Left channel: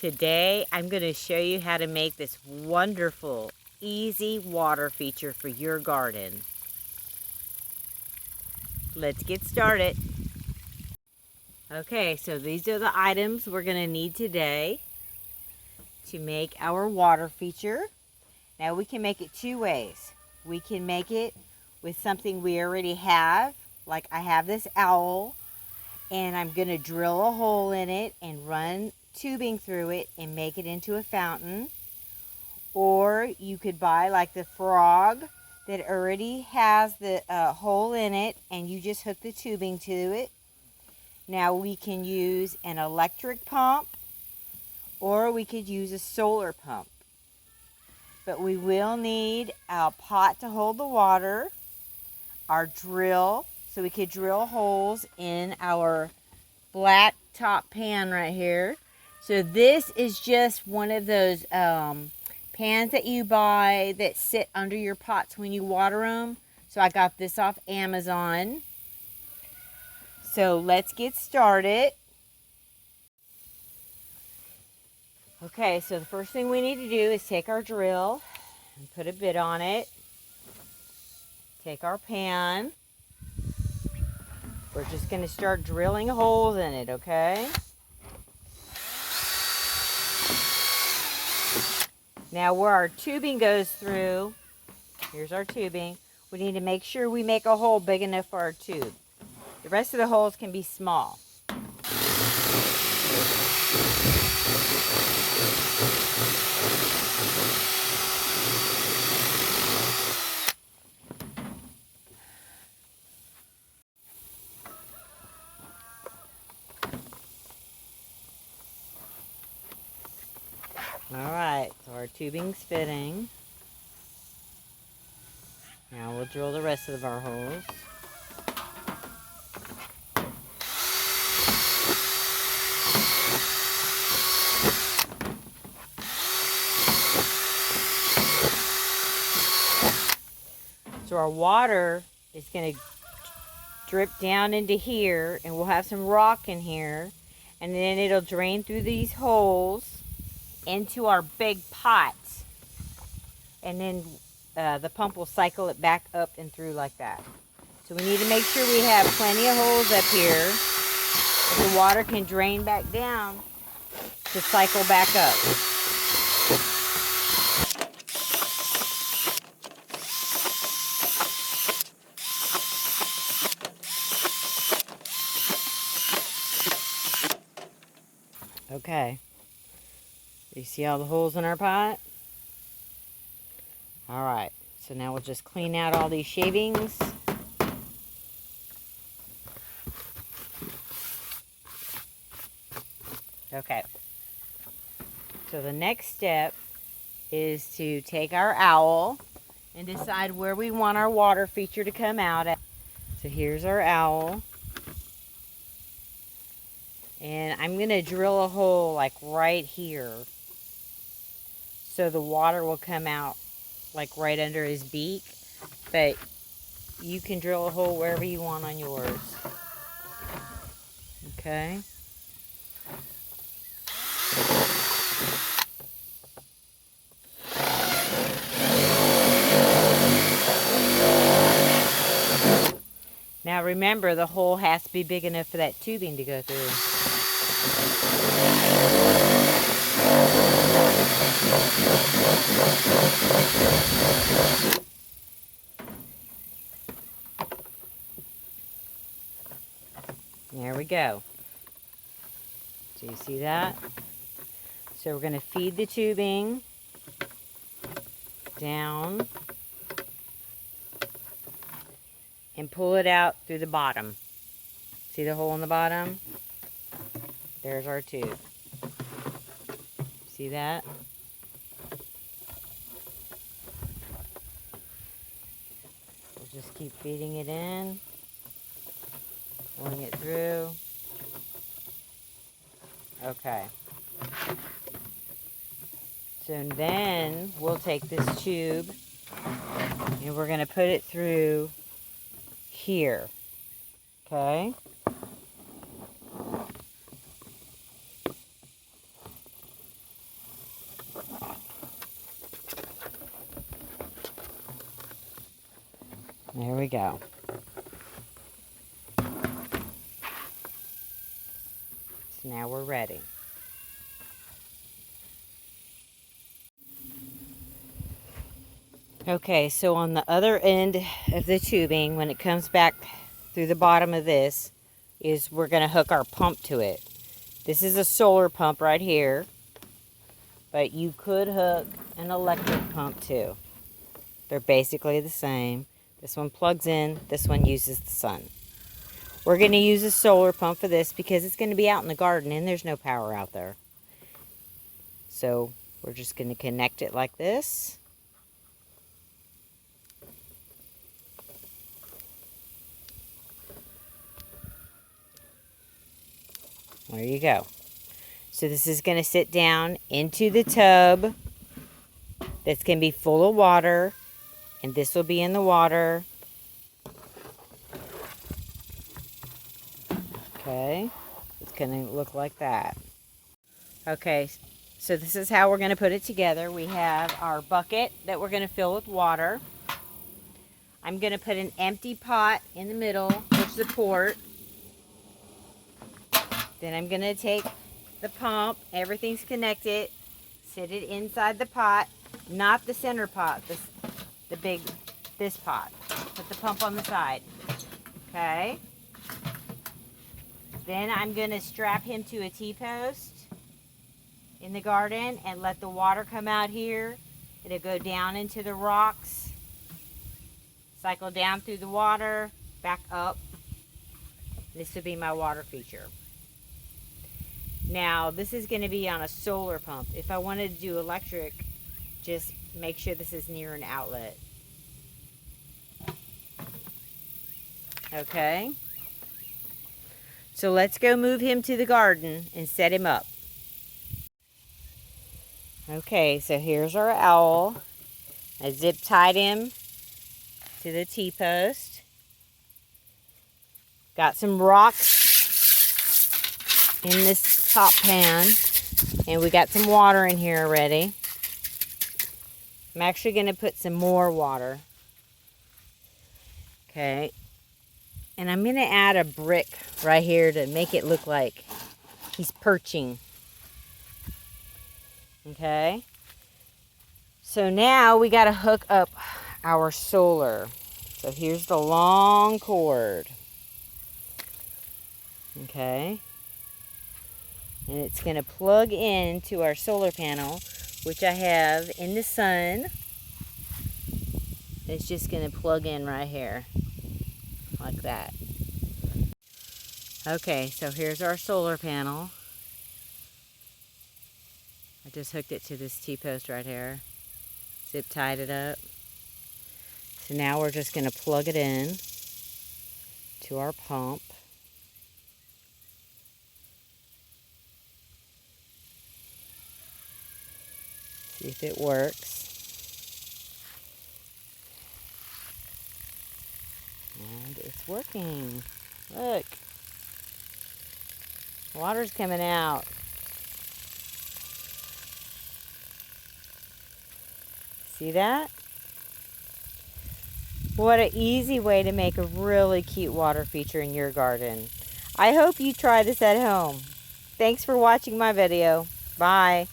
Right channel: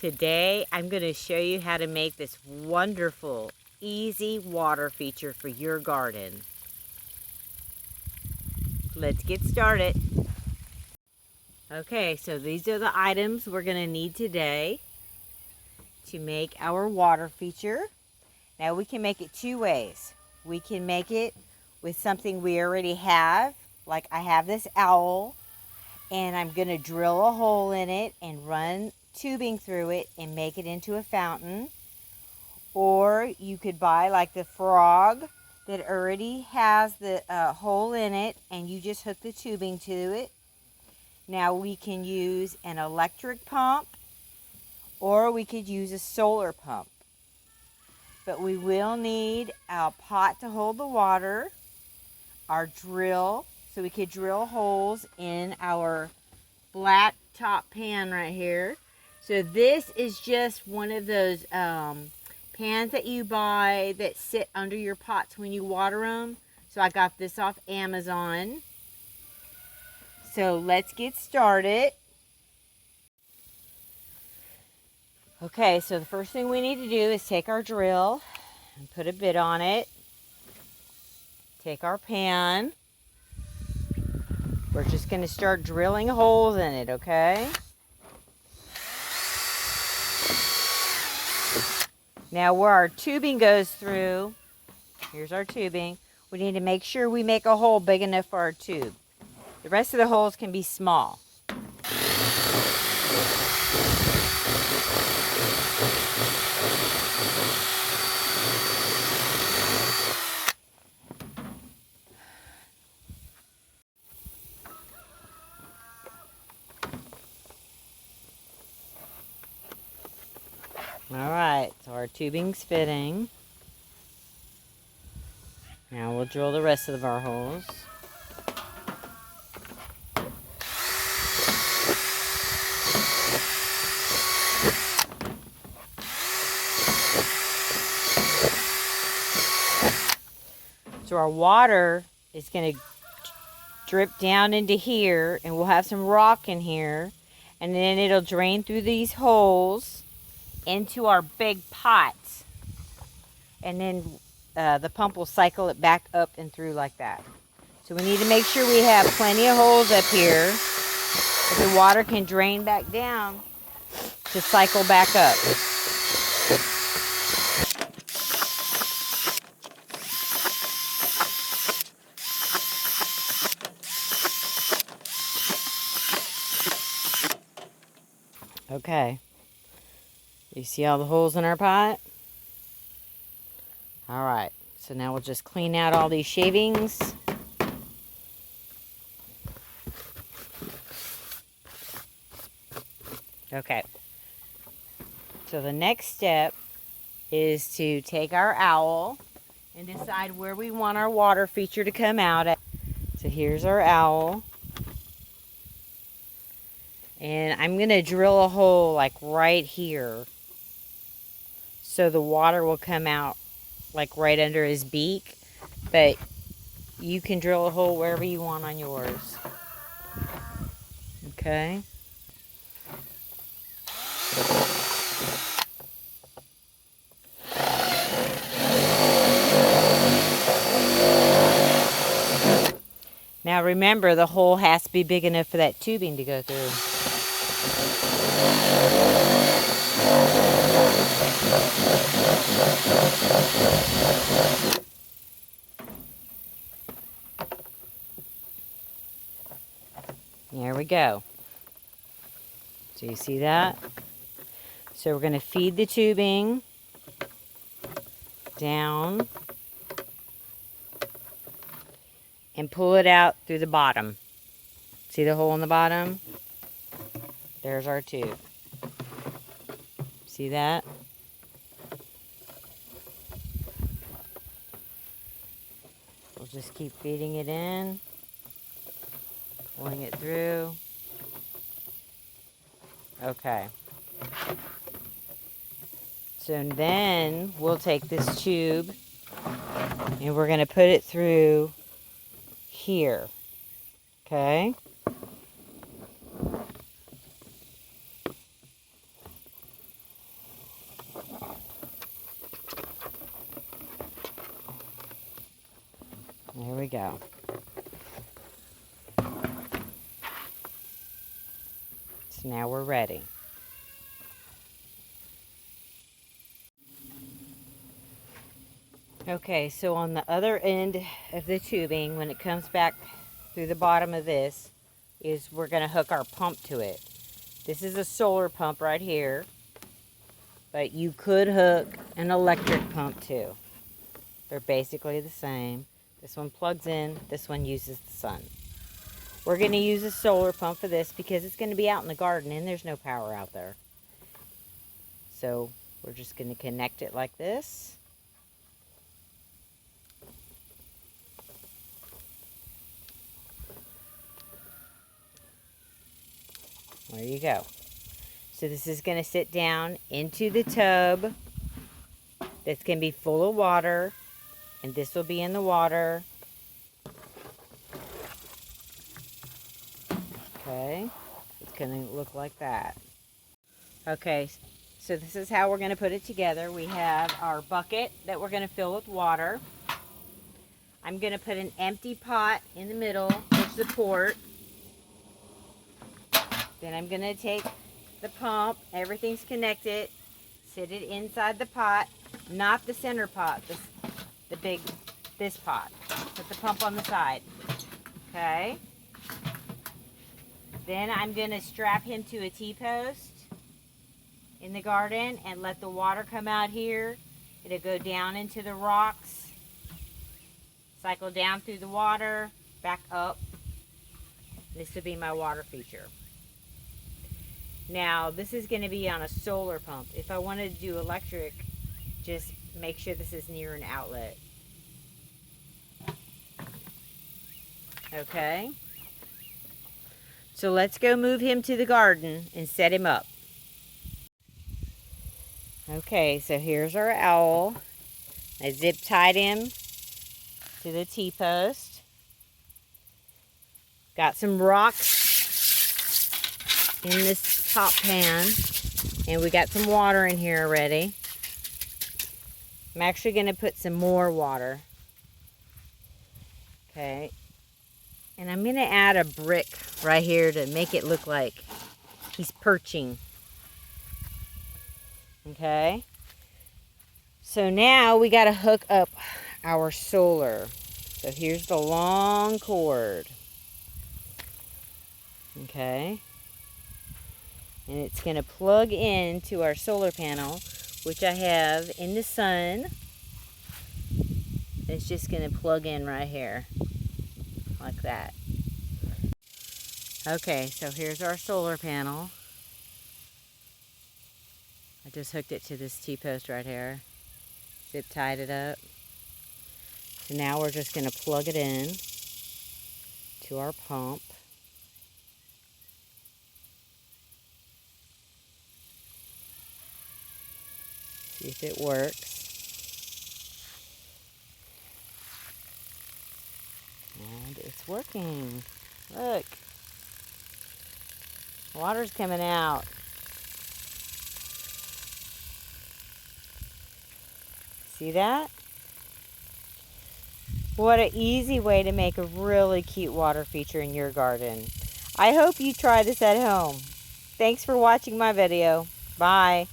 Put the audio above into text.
Today I'm going to show you how to make this wonderful, easy water feature for your garden. Let's get started. Okay, so these are the items we're going to need today to make our water feature. Now we can make it two ways. We can make it with something we already have, like I have this owl, and I'm going to drill a hole in it and run tubing through it and make it into a fountain. Or you could buy like the frog that already has the hole in it and you just hook the tubing to it. Now we can use an electric pump or we could use a solar pump. But we will need our pot to hold the water, our drill, so we could drill holes in our flat top pan right here. So this is just one of those pans that you buy that sit under your pots when you water them. So I got this off Amazon. So let's get started. Okay, so the first thing we need to do is take our drill and put a bit on it. Take our pan. We're just going to start drilling holes in it, okay? Now where our tubing goes through, here's our tubing, we need to make sure we make a hole big enough for our tube. The rest of the holes can be small. Alright, so our tubing's fitting. Now we'll drill the rest of our holes. So our water is going to drip down into here, and we'll have some rock in here, and then it'll drain through these holes into our big pots, and then the pump will cycle it back up and through like that. So we need to make sure we have plenty of holes up here so the water can drain back down to cycle back up. Okay, you see all the holes in our pot? All right, so now we'll just clean out all these shavings. Okay, so the next step is to take our owl and decide where we want our water feature to come out at. So here's our owl. And I'm going to drill a hole like right here so the water will come out like right under his beak. But you can drill a hole wherever you want on yours. Okay. Now remember, the hole has to be big enough for that tubing to go through. There we go. So you see that? So we're going to feed the tubing down and pull it out through the bottom. See the hole in the bottom? There's our tube. See that? We'll just keep feeding it in, pulling it through. Okay. So then we'll take this tube and we're going to put it through here. Okay? There we go. So now we're ready. Okay, so on the other end of the tubing, when it comes back through the bottom of this, is we're going to hook our pump to it. This is a solar pump right here, but you could hook an electric pump too. They're basically the same. This one plugs in, this one uses the sun. We're going to use a solar pump for this because it's going to be out in the garden and there's no power out there. So we're just going to connect it like this. There you go. So this is going to sit down into the tub that's going to be full of water, and this will be in the water. Okay, it's going to look like that. Okay, so this is how we're going to put it together. We have our bucket that we're going to fill with water. I'm going to put an empty pot in the middle for support. Then I'm going to take the pump, everything's connected, sit it inside the pot, not the center pot, this pot. Put the pump on the side, okay? Then I'm going to strap him to a T-post in the garden and let the water come out here. It'll go down into the rocks, cycle down through the water, back up. This will be my water feature. Now, this is going to be on a solar pump. If I wanted to do electric, just make sure this is near an outlet. Okay? So let's go move him to the garden and set him up. Okay, so here's our owl. I zip tied him to the T-post. Got some rocks in this top pan, and we got some water in here already. I'm actually going to put some more water. Okay, and I'm going to add a brick right here to make it look like he's perching. Okay, so now we got to hook up our solar. So here's the long cord. Okay, and it's going to plug into our solar panel, which I have in the sun. It's just going to plug in right here, like that. Okay, so here's our solar panel. I just hooked it to this T-post right here. Zip tied it up. So now we're just going to plug it in to our pump. See if it works. And it's working. Look. Water's coming out. See that? What an easy way to make a really cute water feature in your garden. I hope you try this at home. Thanks for watching my video. Bye.